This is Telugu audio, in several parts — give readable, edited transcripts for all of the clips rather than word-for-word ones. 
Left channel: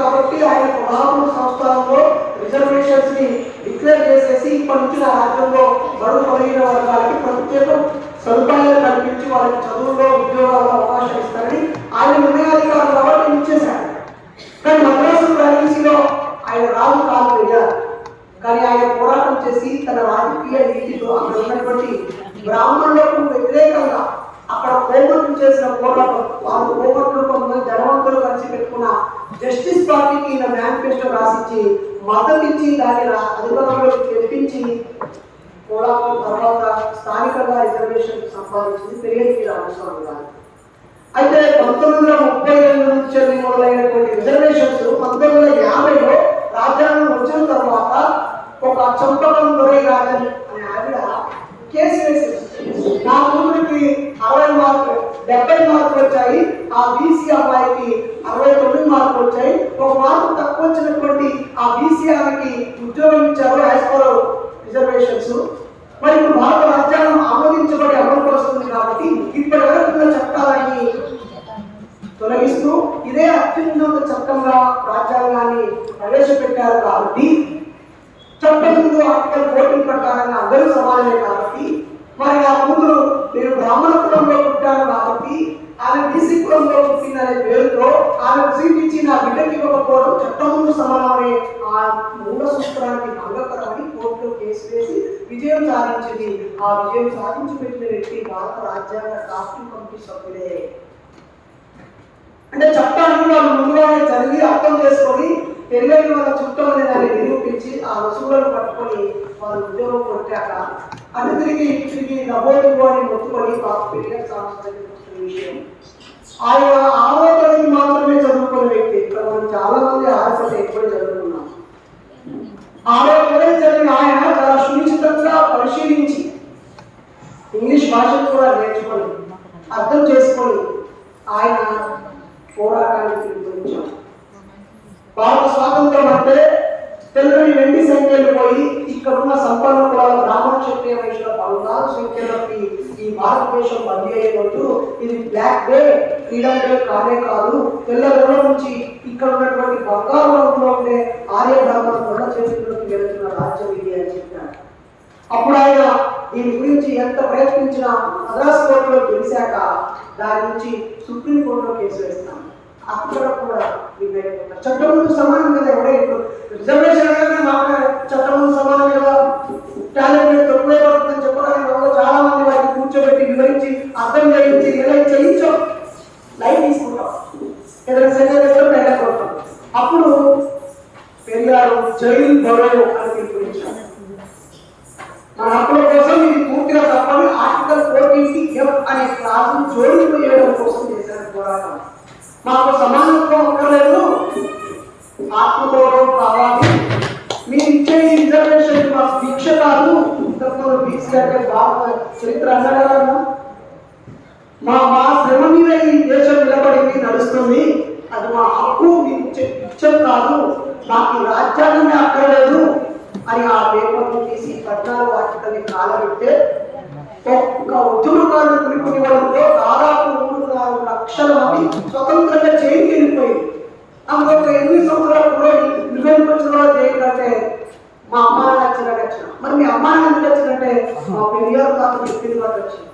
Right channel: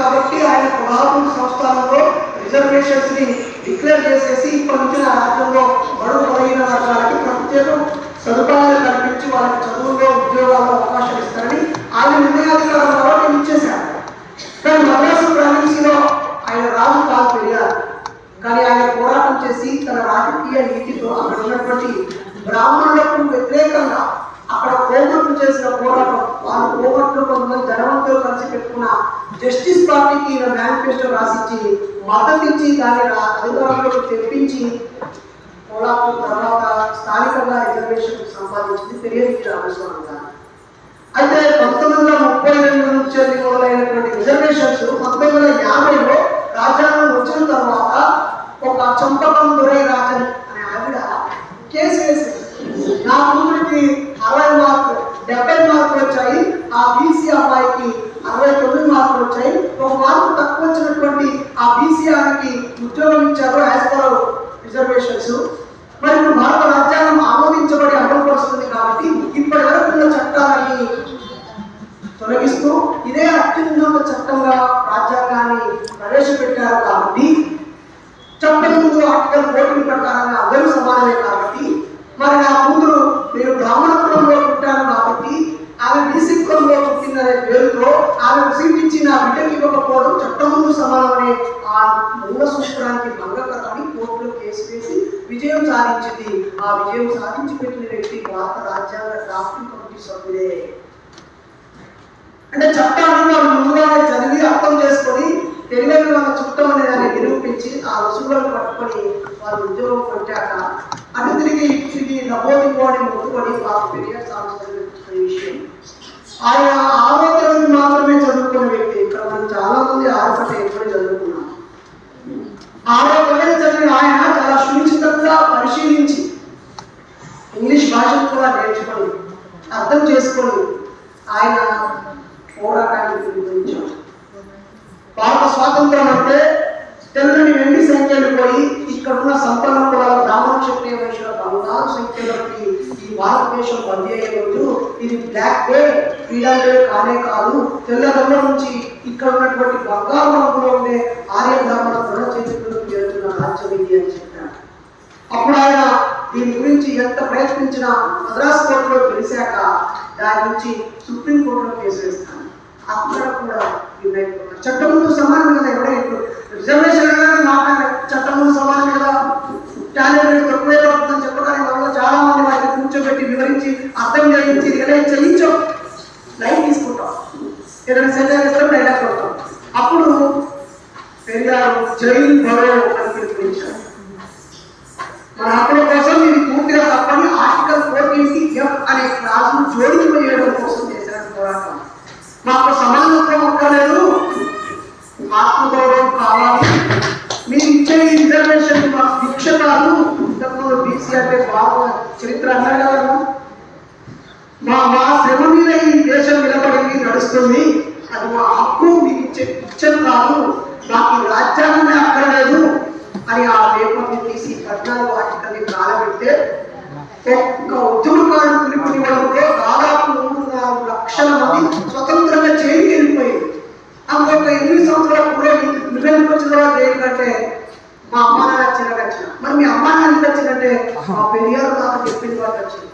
కాబట్టి ఆయన 16 సంవత్సరాల్లో రిజర్వేషన్స్ ని డిక్లేర్ చేసేసి ఇప్పటి నుంచి ఆ రాజ్యంలో బడుగు బలహీన వర్గాలకి ప్రత్యేక సదుపాయాలు కల్పించి వాళ్ళకి చదువులో ఉద్యోగాల్లో అవకాశం ఇస్తారని ఆయన నిర్ణయాధికారం ద్వారా ఇచ్చేశారు. కానీ మద్రాసు ప్రావిన్సీలో ఆయన రాజు కాదు పెరిగారు. కానీ ఆయన పోరాటం చేసి తన రాజకీయ నీతితో అక్కడ ఉన్నటువంటి బ్రాహ్మణులకు వ్యతిరేకంగా అక్కడ కోమట్లు చేసిన పోరాటం, వాళ్ళు కోమట్లు కొంతమంది ధనవంతులు కలిసి పెట్టుకున్న జస్టిస్ పార్టీకి ఈయన మేనిఫెస్టో రాసిచ్చి మద్దతు ఇచ్చి దాన్ని అధికారంలోకి తెప్పించి కోలాపూర్ తర్వాత స్థానికంగా రిజర్వేషన్ సంపాదించింది పెరియగిరి రామస్వామి గారు. అయితే 1932 నుంచి మొదలైనటువంటి రిజర్వేషన్స్ 1950లో రాజ్యాంగం వచ్చిన తర్వాత ఒక చంపకం దొరై రాజన్ అనే ఆవిడ కేసు వేసింది. నా కూతురికి 60 మార్కులు 70 మార్కులు వచ్చాయి, ఆ బీసీ అమ్మాయికి 69 మార్కులు వచ్చాయి, ఒక మార్కు తక్కువ వచ్చినటువంటి ఆ బీసీ ఆమెకి ఉద్యోగం ఇచ్చారు యాజ్ పర్ రిజర్వేషన్స్. మరి ఇప్పుడు భారత రాజ్యాంగం ఆమోదించబడి అమలు పరుస్తుంది కాబట్టి ఇప్పటి వరకు ఉన్న చట్టాలని తొలగిస్తూ ఇదే అత్యున్నత చట్టంగా రాజ్యాంగాన్ని ప్రవేశపెట్టారు. కాబట్టి చట్టం ముందు ఆర్టికల్ 14 ప్రకారంగా అందరూ సమానమే. కాబట్టి మరి నా ముందు మీరు బ్రాహ్మణ కులంలో పుట్టాను కాబట్టి ఆమె బీసీ కులంలో పుట్టిందనే పేరుతో ఆమె సీట్ ఇచ్చి నా బిడ్డకి ఇవ్వకపోవడం చట్టం ముందు సమానమనే ఆ మూల సూత్రానికి భంగకరమని కోర్టులో కేసు వేసి విజయం సాధించింది. ఆ విజయం సాధించి పెట్టిన వ్యక్తి భారత రాజ్యాంగ డ్రాఫ్టింగ్ కమిటీ సభ్యుడే. అంటే చట్టాన్ని వాళ్ళు ముందుగానే చదివి అర్థం చేసుకొని తెలియని వాళ్ళ చుట్టం అనే దాన్ని నిరూపించి ఆ రుసుగులను పట్టుకొని వాళ్ళు ఉద్యోగం కొట్టాక అటు తిరిగి నవోదివాడి మొత్తుకొని మాకు పెరియార్ సాంస్కృతిక విషయం. ఆయన 6వ తరగతి మాత్రమే చదువుకునే వ్యక్తి. ఇక్కడ మనం చాలా మంది 6వ తరగతి ఎక్కువ చదువుకున్నాం. 6వ తరగతి చదివిన ఆయన చాలా సునిశ్చితంగా పరిశీలించి ఇంగ్లీష్ భాషను కూడా నేర్చుకొని అర్థం చేసుకొని ఆయన పోరాటానికి పిలుపునిచ్చారు. భారత స్వాతంత్రం అంటే తెల్లని వెండి సంఖ్యలు పోయి ఇక్కడున్న సంపన్న కులాల బ్రాహ్మణ క్షత్రియ వైశ్యుల 16 సంఖ్యలకి ఈ భారతదేశం బందీ అయ్యే రోజు ఇది బ్లాక్ డే, ఫ్రీడమ్ డే కానే కాదు. తెల్లదొర నుంచి ఇక్కడ ఉన్నటువంటి బంగారు రంగులో ఉండే ఆర్య బ్రాహ్మణ దొర చేతులకు వెళ్తున్న రాజ్యం ఇది అని చెప్పారు. అప్పుడు ఆయన దీని గురించి ఎంత ప్రయత్నించినా మద్రాసు కోర్టులో గెలిచాక దాని నుంచి సుప్రీంకోర్టులో కేసు వేస్తాను. అక్కడ కూడా చట్టం ముందు సమానం కదా. ఎవడే ఇప్పుడు రిజర్వేషన్ అనేది మాట్లాడే చట్టం ముందు సమానం కదా, టాలెంట్ తక్కువే పడుతుందని చెప్పడానికి మనలో చాలా మంది వాటిని కూర్చోబెట్టి వివరించి అర్థం చేయించి రియలైజ్ చేయించాం, లైఫ్ తీసుకుంటాం, ఏదైనా సెంటర్ చేస్తాం డైలాగ్ కొడతాం. అప్పుడు పెరియారు జైలు బరో అని పిలుపునిచ్చారు. మన హక్కుల కోసం ఇది పూర్తిగా తప్పని ఆర్టికల్ 14F అనే క్లాసును జోడింపజేయడం కోసం చేసిన పోరాటం. మాకు సమానత్వం అక్కర్లేదు, ఆత్మగౌరవం కావాలి, మీరు ఇచ్చే రిజర్వేషన్ మాకు శిక్ష కాదు. ఇంతకుముందు బీసీ అంటే భారత చరిత్ర అన్నారు కదా, మా శ్రమ మీద ఈ దేశం నిలబడింది నడుస్తుంది, అది మా హక్కు, మీరు ఇచ్చే కాదు, మాకు ఈ రాజ్యాంగమే అక్కర్లేదు అని ఆ పేపర్ని తీసి 14వ ఆర్టికల్ని కాలబెడితే ఒక్క ఉద్యమకారుడు పిలుపునివ్వడంతో దాదాపు 3-4 లక్షల మంది స్వతంత్రంగా జైలుకి వెళ్ళిపోయింది. అందులో ఒక 8 సంవత్సరాల కూడా నువ్వెందుకు వచ్చిన తర్వాత జైలు కంటే మా అమ్మ నాన్న వచ్చినాక వచ్చిన. మరి మీ అమ్మ నాన్న ఎందుకు వచ్చిందంటే మా పెరియారు తాత చెప్పిన తర్వాత వచ్చింది.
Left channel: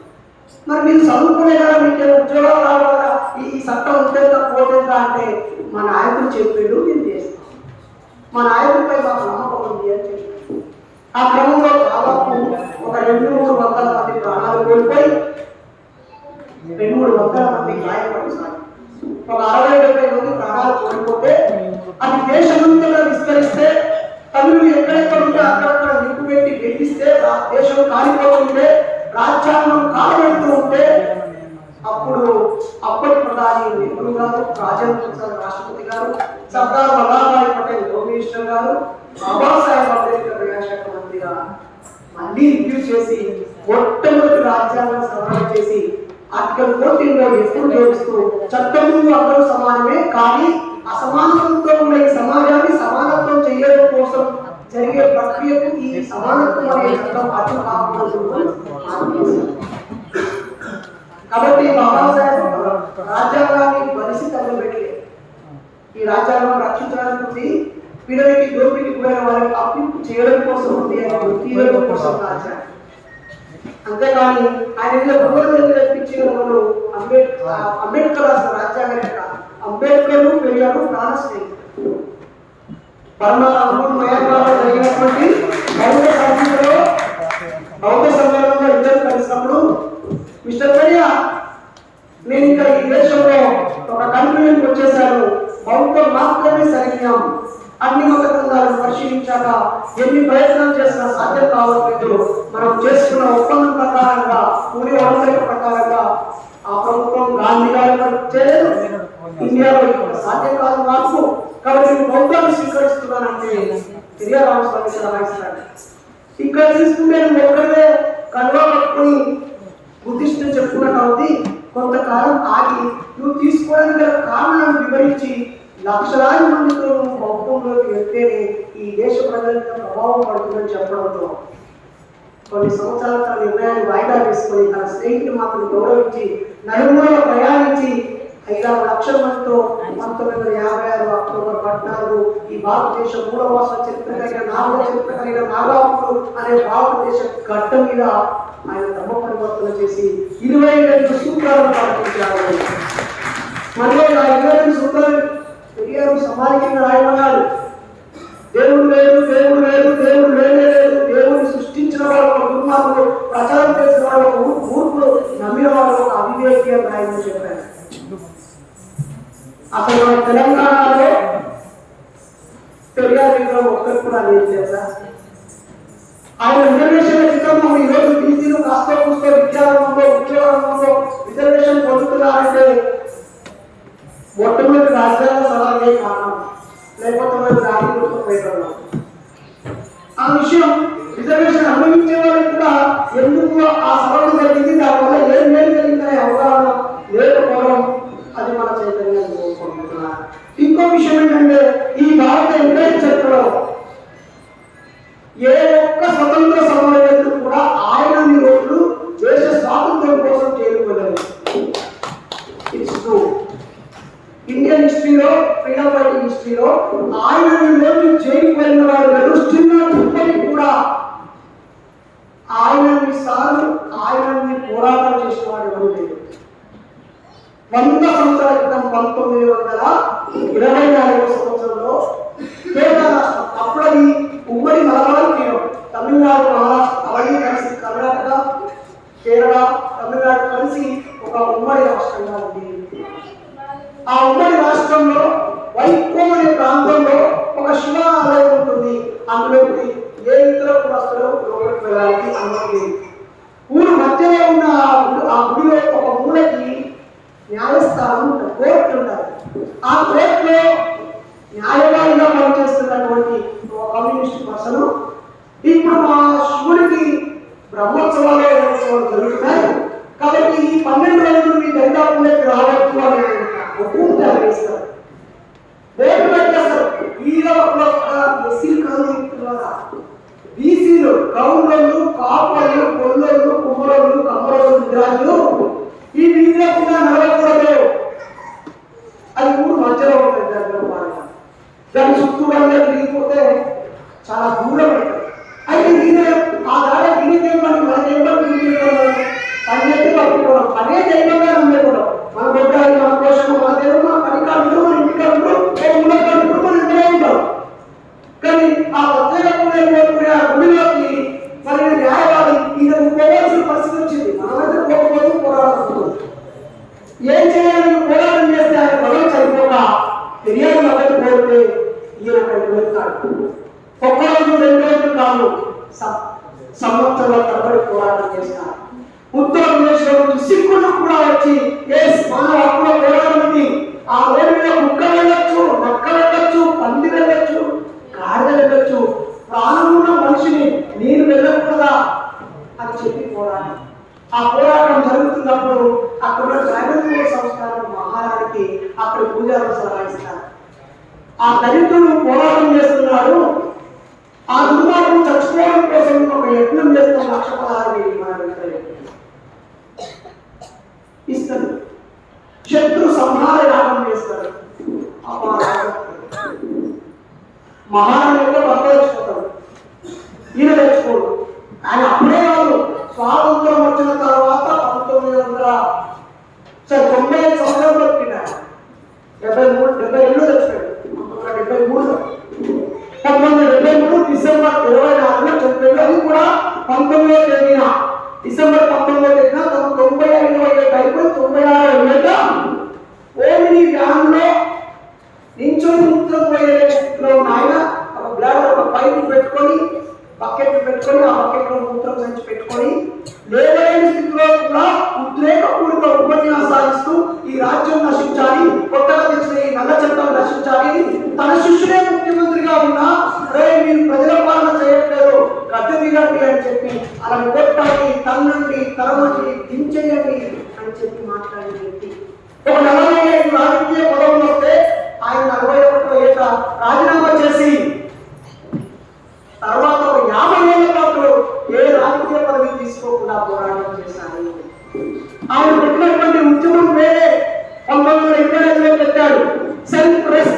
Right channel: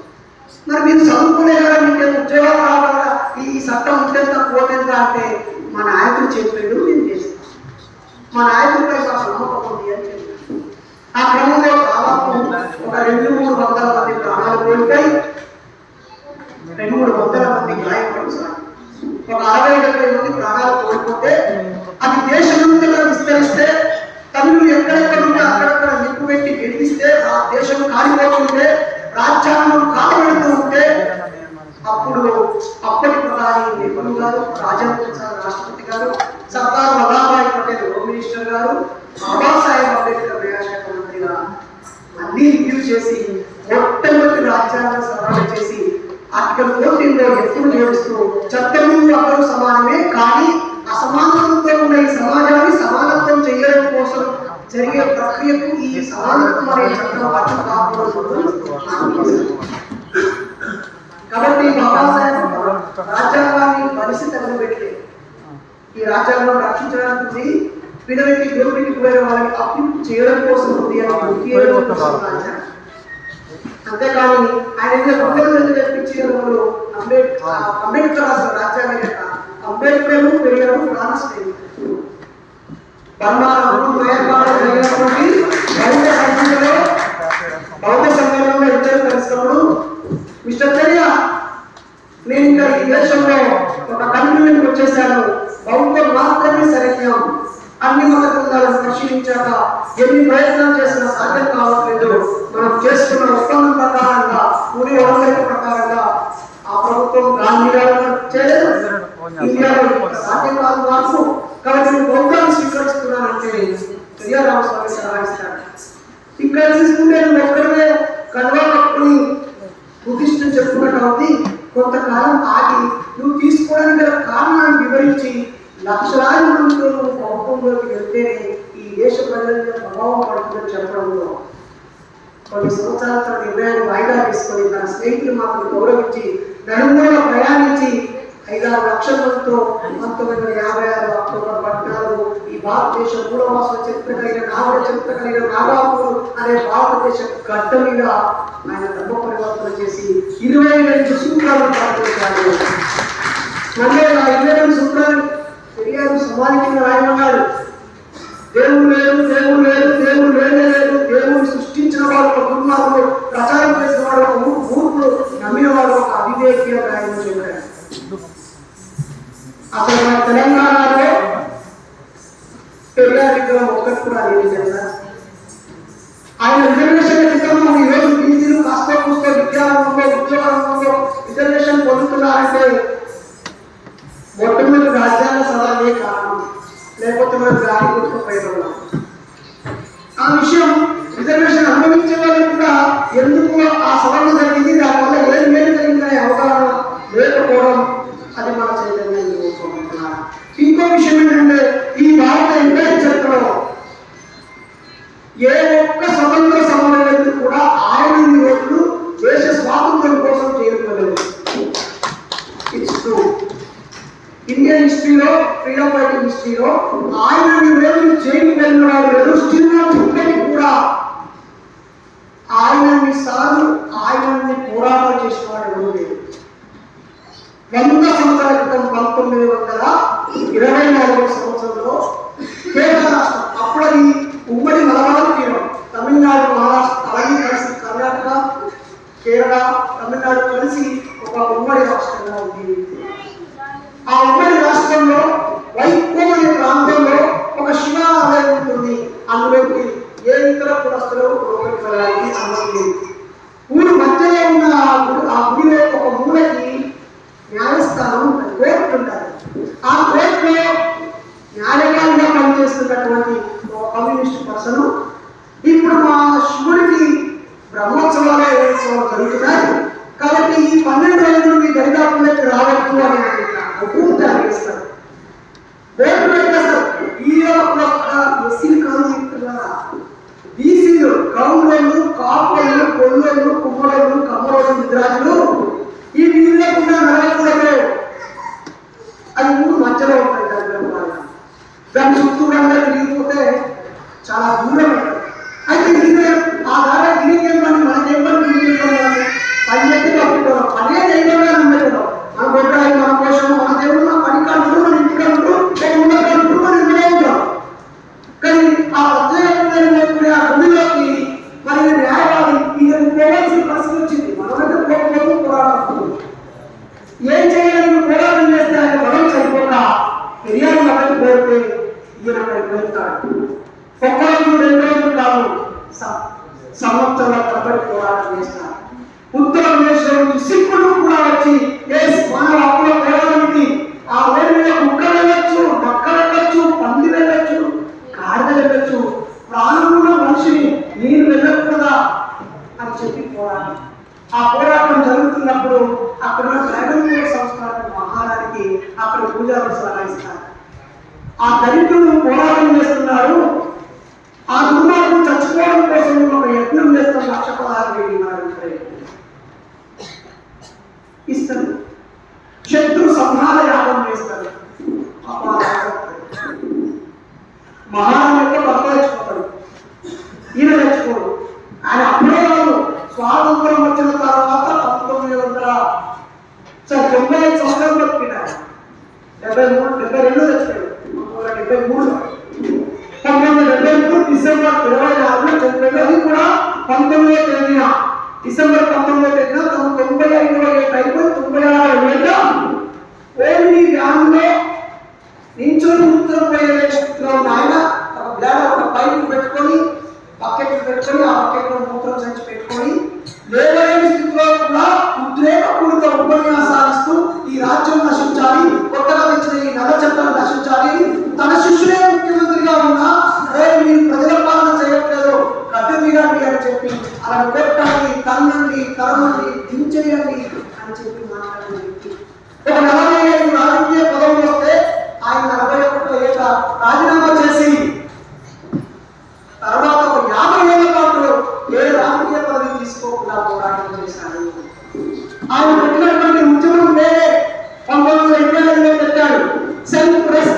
మరి మీరు చదువుకునే కదా, మీకు ఉద్యోగాలు రావాలా, ఈ చట్టం ఉంటేంత పోతేంత అంటే మా నాయకుడు చెప్పాడు, నేను చేస్తాను, మా నాయకుడిపై మా నమ్మకం ఉంది అని చెప్పాను. ఆ క్రమంలో దాదాపు ఒక 200-300 మంది ప్రాణాలు కోల్పోయి 200-300 మంది గాయపడుతున్నారు. ఒక 60-70 మంది ప్రాణాలు కోల్పోతే అది దేశమంతగా విస్తరిస్తే, తమిళులు ఎక్కడెక్కడ ఉంటే అక్కడక్కడ నిప్పు పెట్టి వెలిగిస్తే ఆ దేశం కాలిపోతుంటే, రాజ్యాంగం కాలబెడుతూ ఉంటే అప్పుడు అప్పటి ప్రధాని నెహ్రూ గారు, రాజేంద్ర ప్రసాద్ రాష్ట్రపతి గారు, సర్దార్ వల్లభాయ్ పటేల్ హోమ్ మినిస్టర్ గారు, బాబాసాహెబ్ అంబేద్కర్ న్యాయశాఖ మంత్రిగా అన్ని రివ్యూ చేసి మొట్టమొదటి రాజ్యాంగ సవరణ చేసి ఆర్టికల్ 14లో ఎప్పుడు జోడిస్తూ చట్టం ముందు అందరూ సమానమే, కానీ అసమానత్వంతో ఉన్న ఈ సమాజాన్ని సమానత్వం చేయడం కోసం జరిగే ప్రక్రియకు ఈ సమానత్వం అనే చట్టం అర్థం కాకూడదు. కాబట్టి బాబాసాహెబ్ రాజ్యాంగాన్ని పరిస్థితి తగలబెట్టలేదు. ఈ రాజ్యాంగం రక్షించడానికి ఉంది, పిల్లలకి దోపిడికి గురైన వాళ్ళకి అప్పు చేయడం కోసం ఉంది అని రాజ్యాంగం. అంతేకాని ఆయన తెప్పించిన వాళ్ళు అంబేద్కర్ రాసిన రాజ్యాంగం యొక్క అంబేద్కర్ పెరిగాడు ప్రాణస్నేహితుడు. బర్మాలో మయన్మార్లో జరిగినటువంటి బౌద్ధ సమ్మేళనంలో ఇద్దరు కలిసినప్పుడు మిస్టర్ పెరియా, నేను ఇంకా ఈ దేశంలో ఒక కన్క్లూజన్కి వచ్చేసాను, బౌద్ధం మాత్రమే సరైన, అన్ని మత గ్రంథాలను పరిశీలించాక ఎన్ని ప్రయత్నాలు చేసినా సాధ్యం కావట్లేదు. మనం చేసుకున్న ఒప్పందం ప్రకారంగా, పూరి ఒడంబడిక ప్రకారంగా ఆ ప్రభుత్వం గాంధీ గారు చేయలేదు, ఇండియాలో సాధ్యం కాదు మార్పు, కాబట్టి నేను బౌద్ధాన్ని స్వీకరిస్తున్నానంటే పెరియా రామస్వామి సలహాయిస్తాడు. ఇక్కడ తీసుకుంటే నువ్వు ఎక్కడే కనువ పట్టుకుని బుద్ధిస్టుని చెప్పుకున్నట్టు అవుతుంది. కొంతకాలం ఆగి నువ్వు తీసుకోవడానికి గల కారణాలను వివరించి లక్షలాది మందితో నువ్వు బౌద్ధంలోకి వెళ్తేనే ఈ దేశ ప్రజల మీద ప్రభావం పడుతుందని చెప్పడంలో కొన్ని సంవత్సరాల తన నిర్ణయాన్ని వాయిదా తీసుకొని తన స్నేహితులు మాత్రం గౌరవించి నలుగురులో ప్రయాణించి 5-6 లక్షల మందితో 1956 అక్టోబర్ 14 ఈ భారతదేశ మూడవాస చరిత్ర కలిగిన నాగర చరిత్ర కలిగిన నాగాపూర్ అనే భారతదేశ గడ్డ మీద ఆయన ధర్మ పరివర్తన చేసి 22 సూత్రాలను పాటించారు. మళ్ళీ ఆ 22 సూత్రాలు పెరియారు సమాధి కింద రాయమన్నాడు. దేవుడు లేడు, దేవుడు లేడు, దేవుడు లేనే లేదు, దేవుడు సృష్టించిన వాడు ఒక దుర్మార్గుడు, ప్రచారం చేసిన వాడు ఒక మూర్ఖుడు, నమ్మిన వాడు ఒక అవివేకి అని రాయమని చెప్పాడు. అసలు మన తెలంగాణలో పెరియార్ విగ్రహం ఒక్కటి కూడా లేదు తెలుసా? ఆయన రిజర్వేషన్ క్రితం ఈరోజు బీసీలు కాస్త కూస్తో విద్యారంగంలో ఉద్యోగంలో రిజర్వేషన్ పొందుతున్నారంటే మొట్టమొదటి రాజ్యాంగ సవాలే కారణం, లేకపోతే మనం గాలి కొట్టుకుపోయేవాళ్ళం. ఆ విషయం రిజర్వేషన్ అనుభవించే వాళ్ళకి కూడా ఎందుకు ఆ సవరణ జరిగింది, దానివల్ల ఏం మేలు జరిగిందనే అవగాహన లేకపోవడం, అది మన చైతన్యాన్ని కోరుకుంటున్నారు. ఇంకో విషయం ఏంటంటే ఈ భారత ఎంపైర్ చరిత్రలో ఏ ఒక్క స్వతంత్ర సమరయోధుడు కూడా ఆయన ఓట్లు దేశ స్వాతంత్ర్యం కోసం చేరుకోలేదు. It's true. ఇండియన్ హిస్టరీలో, ఫ్రీడమ్ ఫైటింగ్ హిస్టరీలో ఆయన రోజులు జైలుకు వెళ్ళిన వాడు లేదు. స్టిల్ ఇప్పటికి కూడా ఆయనన్ని సార్లు ఆయనన్ని పోరాటాలు చేసిన వాడు ఎవరు లేదు. 100 సంవత్సరాల క్రితం 1924 సంవత్సరంలో కేరళ రాష్ట్రం, అప్పుడు అది ఉమ్మడి మలబార్ తీరం, తమిళనాడు, మహారాష్ట్ర అవన్నీ కలిసి, కర్ణాటక, కేరళ, తమిళనాడు కలిసి ఒక ఉమ్మడి రాష్ట్రంగా ఉంది. ఆ ఉమ్మడి రాష్ట్రంలో వైకోం అనే ప్రాంతంలో ఒక శివ ఆలయం ఉంటుంది. అందులోకి ఏ ఇతర కులస్తులు లోపలికి వెళ్ళడానికి అనుమతి లేదు. ఊరు మధ్యలో ఉన్న ఆ గుడిలో ఒక మూలకి న్యాయస్థానం కోర్టు ఉంటుంది. ఆ కోర్టులో న్యాయవాదిగా పనిచేస్తున్నటువంటి కమ్యూనిస్ట్ పర్సన్ ఇప్పుడు మా శివుడికి బ్రహ్మోత్సవాలు జరుగుతున్నాయి కాబట్టి ఈ 12 రోజులు మీ దరిదాపుల్లోకి రావచ్చు అని ఒప్పుకుంటే చేస్తారు. బోర్డు పెట్టేస్తారు. ఎస్సీలు కాదు, బీసీలు, కౌండర్లు, కాపర్లు, కొల్లోళ్ళు, కుమ్మరోళ్ళు, కమ్మరోళ్ళు, నిద్రాజులు ఈ వీళ్ళకుండా నడవకూడదు. అది ఊరు మధ్యలో ఉంటుంది. దాని చుట్టూగా తిరిగిపోతే చాలా దూరం ఉంటుంది. అయితే ఆ దాకా తిరిగేమని మనకేం పని చేస్తే పట్టుకోవడం, అదే దైవంగా నమ్మేకోవడం. మన గొడ్రాయి, మన కోశం, మన దేవుడు, మన పని కాదు, మన ఇంటి కాదు, మన ఇంట్లో ఉంటాం. కానీ ఆ ప్రత్యేకమైన ఆ గుడిలోకి మరి న్యాయవాది ఇతను పోవాల్సిన పరిస్థితి వచ్చింది. మనమైతే పోకపోతే పోరాడుతుంది. ఏం చేయాలని పోరాటం చేస్తే ఆయన పదవి చనిపోక పెరియారు మొదటి పోతే ఈయన అక్కడికి వెళ్తాడు. ఒక్క రోజు 2 రోజులు కాదు, సంవత్సరాల తరబడి పోరాటం చేస్తారు. ఉత్తరప్రదేశ్లో నుంచి సిక్కులు కూడా వచ్చి మానవ హక్కుల పోరాటానికి ఆ రోడ్డు మీద కుక్క వెళ్ళొచ్చు, నక్క వెళ్ళొచ్చు, పంది వెళ్ళొచ్చు, గాడిద వెళ్ళొచ్చు, ప్రాణం ఉన్న మనిషిని నేను వెళ్ళకూడదా అని చెప్పి పోరాటం. ఆ పోరాటం జరుగుతున్నప్పుడు అక్కడ ట్రైబల్ సంస్థానం మహారానికి అక్కడ పూజారులు సలహాయిస్తారు. ఆ దళితుడు పోరాటం చేస్తున్నాడు, ఆ దుర్మార్గం చచ్చిపోవడం కోసం ఒక యత్నం చేస్తున్న 1,16,000 ఇస్తారు. శత్రు సంహార యాగం చేస్తారు. మహారాణిలో భర్త తెచ్చిపోతాడు, ఈయన తెచ్చుకోడు. ఆయన అప్పుడే కాదు, స్వాతంత్రం వచ్చిన తర్వాత 1995 సంవత్సరాలు బతికినాడు. 72 తెచ్చిపోయాడు. 1973లో 1973 డిసెంబర్ 24న చనిపోయాడు. అది కూడా 19వ తేదీన, డిసెంబర్ 19వ తేదీన. తను 95 ఏళ్ళు అయిపోయి 96 ఏళ్ళ ఓమిని వ్యాన్లో నించొని మూత్రం పోయే స్థితిలో ఉన్న ఆయన ఒక బ్లాడర్, ఒక పైపు పెట్టుకొని, బకెట్లు పెట్టుకొని, ఆ బకెట్లో మూత్రం సంచి పెట్టుకొని లేవలేని స్థితిలో కూడా ఉద్రేకపూరిత ఉపన్యాసాలు ఇస్తూ ఈ రాజ్యం నశించాలి, కొత్తగా తెచ్చిన ఈ నల్ల చట్టాలు నశించాలి అని తన శిష్యుడే ముఖ్యమంత్రిగా ఉన్నా అరే మీరు ప్రజల పాలన చేయట్లేదు, గడ్డ దిగండి అని చెప్పి అలా కొట్టండి, తన్నండి, తరమండి, దించేయండి అని చెప్పి మాట్లాడే వ్యక్తి. ఒక 45 రాజకీయ పదవులు వస్తే ఆయన 41 ఏట రాజీనామా చేసి తర్వాత ఒక 50 ఏళ్ల పాటు ఏ రాజకీయ పదవి తీసుకోకుండా పోరాటం చేశారు. ఆయన పెట్టినటువంటి ఉద్యమం వేరే 1925లో పెట్టాడు. Self respect